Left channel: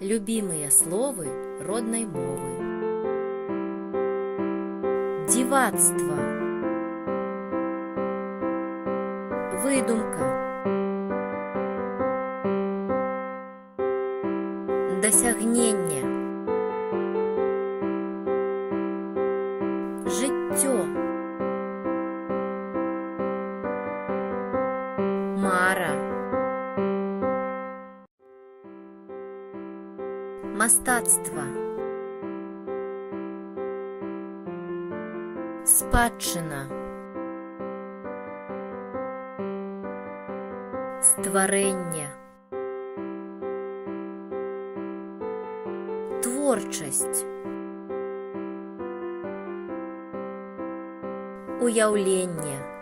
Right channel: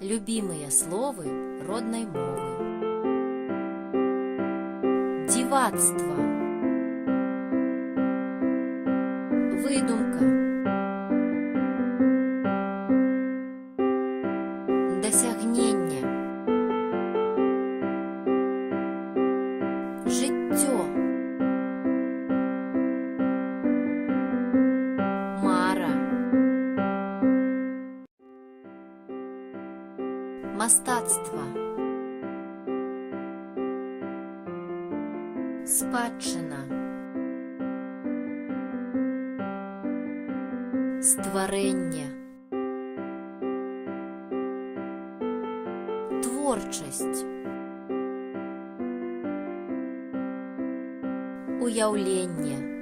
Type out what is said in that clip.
Любимые словы родной мовы. Дивацтво. Выдумка. Досягнення. Життё. Мара. Мастацтво. Спадщина. Створення. Творчість. Уявлення.